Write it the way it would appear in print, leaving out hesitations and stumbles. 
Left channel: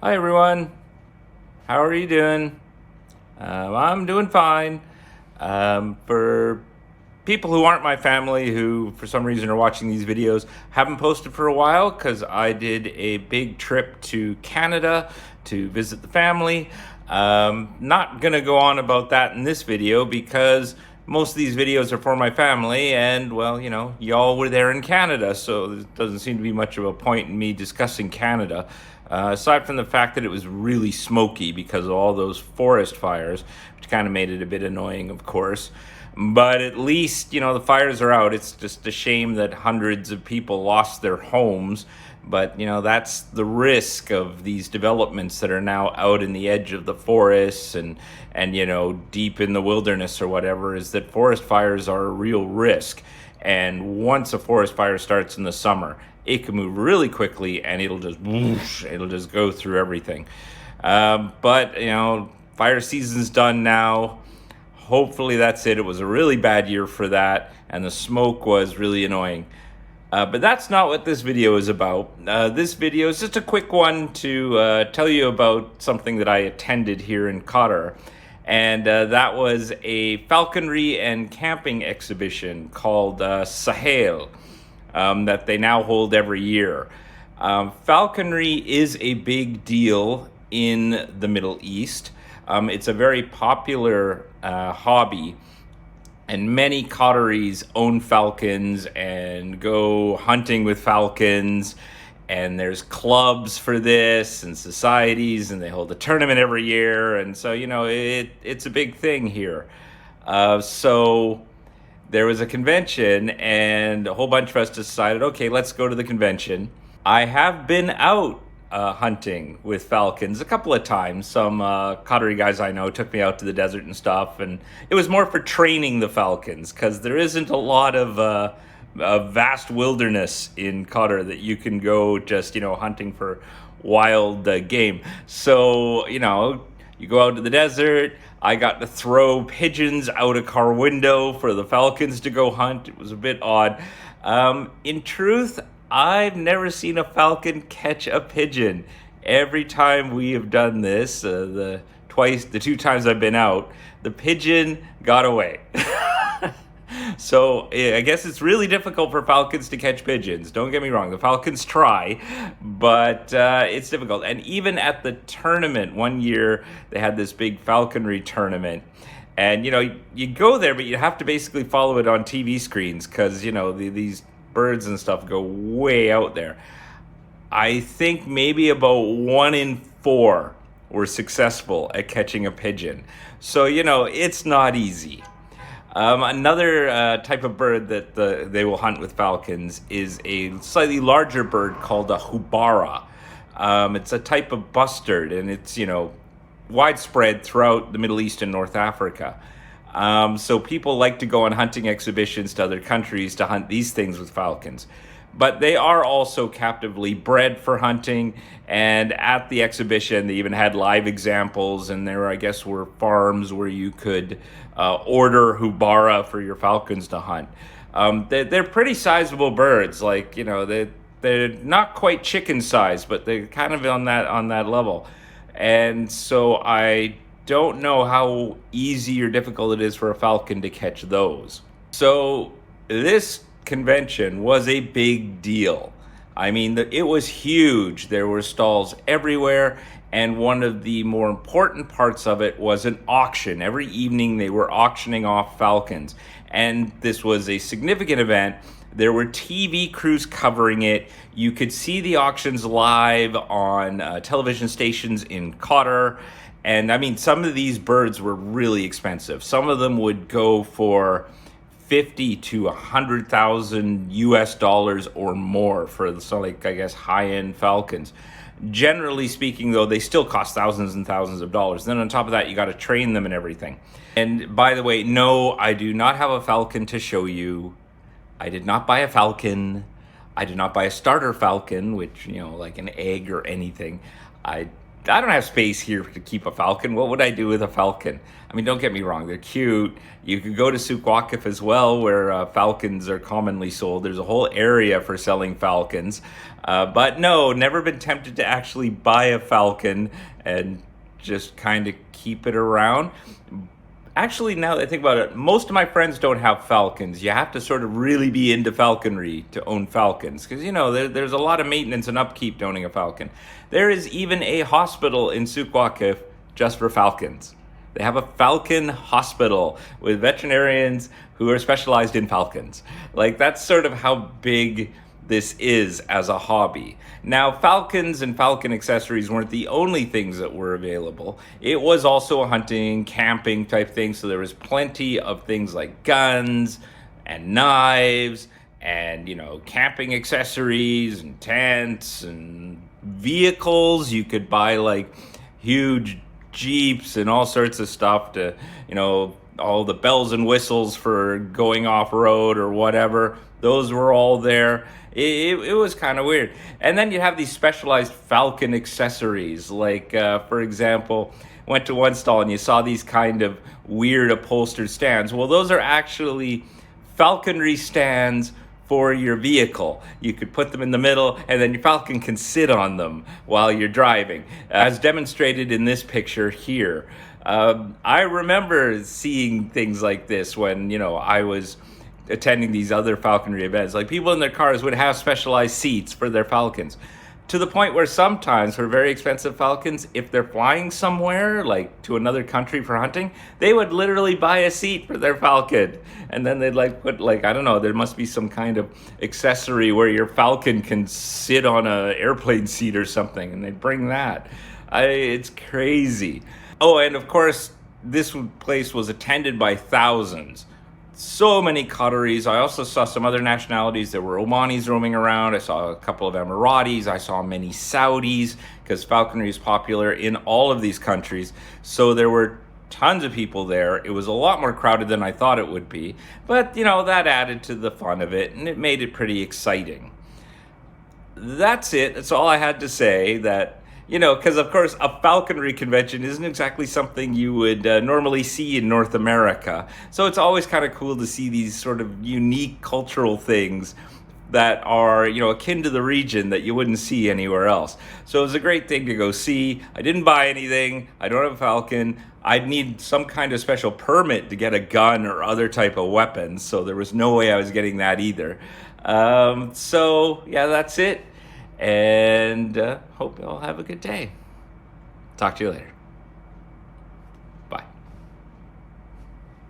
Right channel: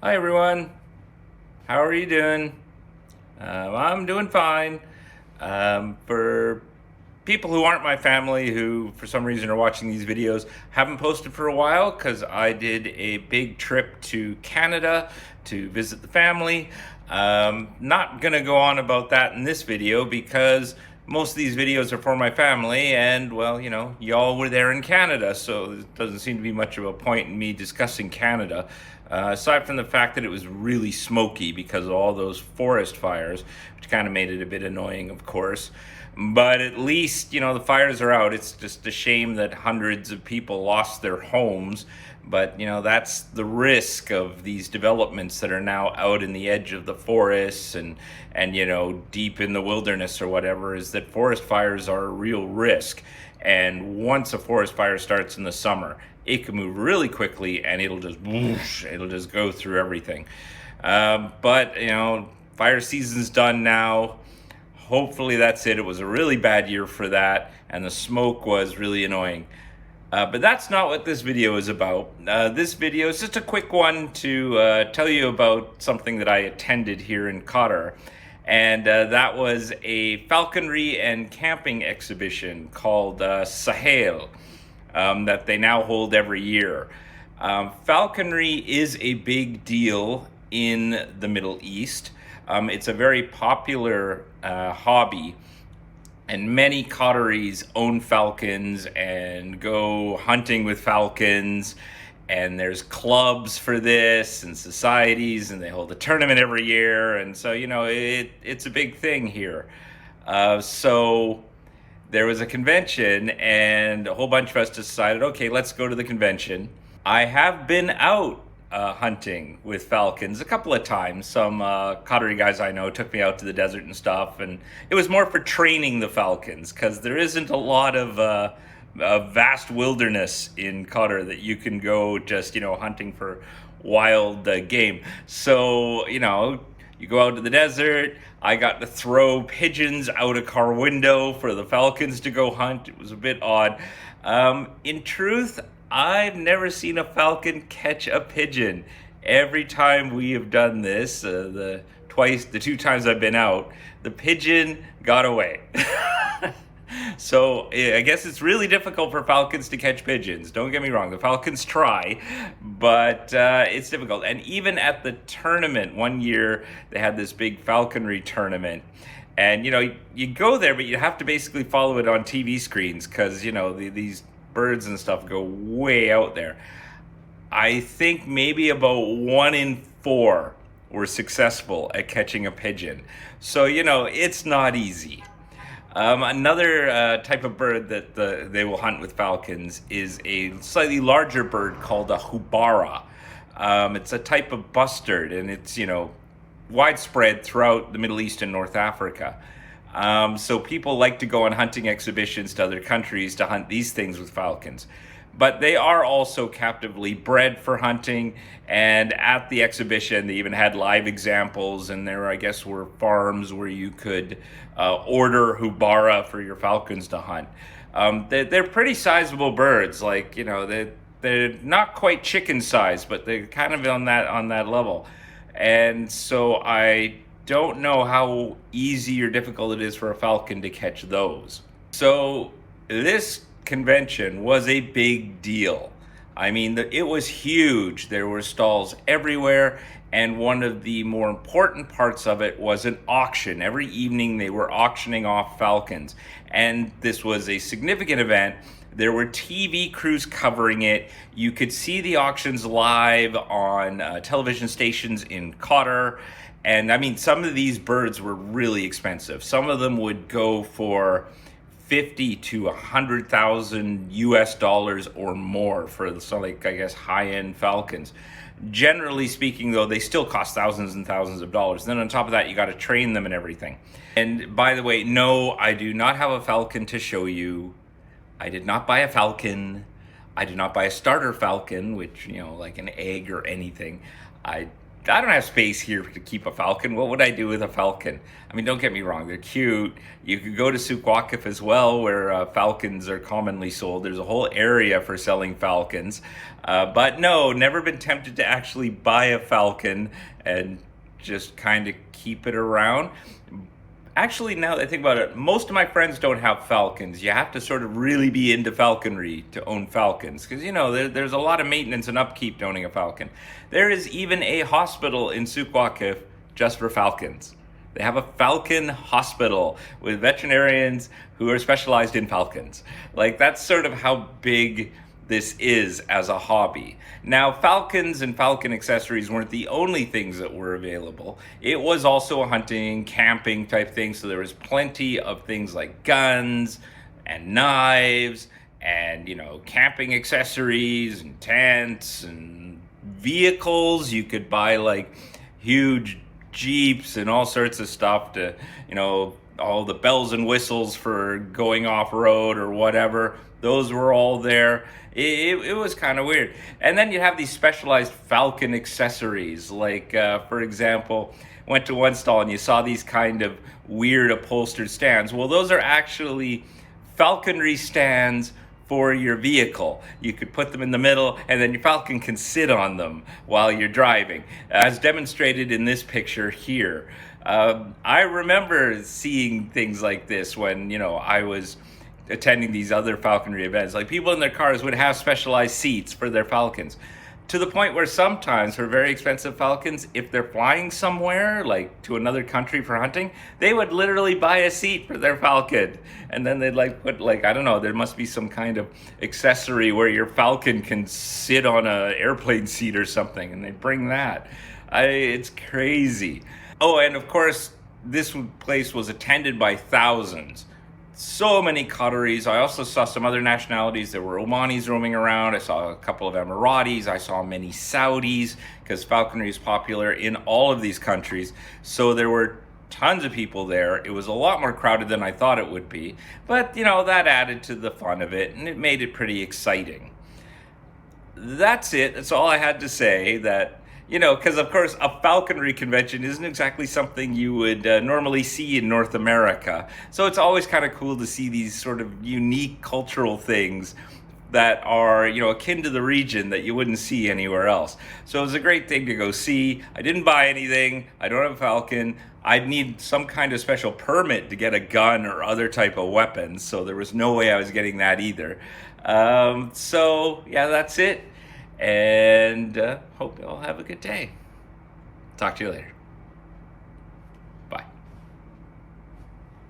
Hi everyone, how are you doing? I'm doing fine. For people who aren't my family, who for some reason are watching these videos, haven't posted for a while because I did a big trip to Canada to visit the family. Not gonna go on about that in this video because most of these videos are for my family, and well, y'all were there in Canada, so there doesn't seem to be much of a point in me discussing Canada. Aside from the fact that it was really smoky because of all those forest fires, which kind of made it a bit annoying, of course. But at least, the fires are out. It's just a shame that hundreds of people lost their homes. But, that's the risk of these developments that are now out in the edge of the forests and deep in the wilderness or whatever, is that forest fires are a real risk. And once a forest fire starts in the summer, it can move really quickly and it'll just whoosh, it'll just go through everything. But fire season's done now. Hopefully that's it. It was a really bad year for that, and the smoke was really annoying. But that's not what this video is about. This video is just a quick one to tell you about something that I attended here in Qatar. And that was a falconry and camping exhibition called Sahel that they now hold every year. Falconry is a big deal in the Middle East. It's a very popular hobby, and many Qataris own falcons and go hunting with falcons. And there's clubs for this and societies, and they hold a tournament every year. And so, it's a big thing here. So there was a convention, and a whole bunch of us decided, okay, let's go to the convention. I have been out hunting with falcons a couple of times. Some Qatari guys I know took me out to the desert and stuff, and it was more for training the falcons because there isn't a lot of vast wilderness in Qatar that you can go just, hunting for wild game. So, you go out to the desert. I got to throw pigeons out a car window for the falcons to go hunt. It was a bit odd. In truth, I've never seen a falcon catch a pigeon. Every time we have done this, the two times I've been out, the pigeon got away. So I guess it's really difficult for falcons to catch pigeons. Don't get me wrong, the falcons try, but it's difficult. And even at the tournament, one year they had this big falconry tournament. And, you go there, but you have to basically follow it on TV screens because, these birds and stuff go way out there. I think maybe about 1 in 4 were successful at catching a pigeon. So, it's not easy. Another type of bird that they will hunt with falcons is a slightly larger bird called a hubara. It's a type of bustard, and it's, widespread throughout the Middle East and North Africa. So people like to go on hunting exhibitions to other countries to hunt these things with falcons. But they are also captively bred for hunting, and at the exhibition they even had live examples, and there, I guess, were farms where you could order hubara for your falcons to hunt. They're pretty sizable birds, like, they're not quite chicken size, but they're kind of on that level. And so I don't know how easy or difficult it is for a falcon to catch those. So this convention was a big deal. I mean, it was huge. There were stalls everywhere, and one of the more important parts of it was an auction. Every evening they were auctioning off falcons, and this was a significant event. There were TV crews covering it. You could see the auctions live on television stations in Qatar. And I mean, some of these birds were really expensive. Some of them would go for 50 to 100,000 US dollars or more for I guess, high-end falcons. Generally speaking, though, they still cost thousands and thousands of dollars. Then on top of that, you got to train them and everything. And by the way, no, I do not have a falcon to show you. I did not buy a falcon. I did not buy a starter falcon, which, like an egg or anything. I I don't have space here to keep a falcon. What would I do with a falcon? I mean, don't get me wrong, they're cute. You could go to Sukwakif as well, where falcons are commonly sold. There's a whole area for selling falcons. But no, never been tempted to actually buy a falcon and just kind of keep it around. Actually, now that I think about it, most of my friends don't have falcons. You have to sort of really be into falconry to own falcons, because, you know, there's a lot of maintenance and upkeep to owning a falcon. There is even a hospital in Sukwakif just for falcons. They have a falcon hospital with veterinarians who are specialized in falcons. Like, that's sort of how big this is as a hobby. Now, falcons and falcon accessories weren't the only things that were available. It was also a hunting, camping type thing, so there was plenty of things like guns and knives and, you know, camping accessories and tents and vehicles. You could buy like huge Jeeps and all sorts of stuff to, you know, all the bells and whistles for going off-road or whatever. Those were all there. It was kind of weird. And then you have these specialized falcon accessories. Like, for example, went to one stall and you saw these kind of weird upholstered stands. Well, those are actually falconry stands for your vehicle. You could put them in the middle and then your falcon can sit on them while you're driving, as demonstrated in this picture here. I remember seeing things like this when, you know, I was attending these other falconry events. Like, people in their cars would have specialized seats for their falcons, to the point where sometimes for very expensive falcons, if they're flying somewhere, like to another country for hunting, they would literally buy a seat for their falcon. And then they'd like put, like, I don't know, there must be some kind of accessory where your falcon can sit on a airplane seat or something, and they'd bring that. It's crazy. Oh, and of course, this place was attended by thousands. So many Qataris. I also saw some other nationalities. There were Omanis roaming around. I saw a couple of Emiratis. I saw many Saudis, because falconry is popular in all of these countries. So there were tons of people there. It was a lot more crowded than I thought it would be. But, you know, that added to the fun of it, and it made it pretty exciting. That's it. That's all I had to say. That, you know, because of course a falconry convention isn't exactly something you would normally see in North America. So it's always kind of cool to see these sort of unique cultural things that are, you know, akin to the region that you wouldn't see anywhere else. So it was a great thing to go see. I didn't buy anything. I don't have a falcon. I'd need some kind of special permit to get a gun or other type of weapons. So there was no way I was getting that either. So yeah, that's it. And hope you all have a good day. Talk to you later.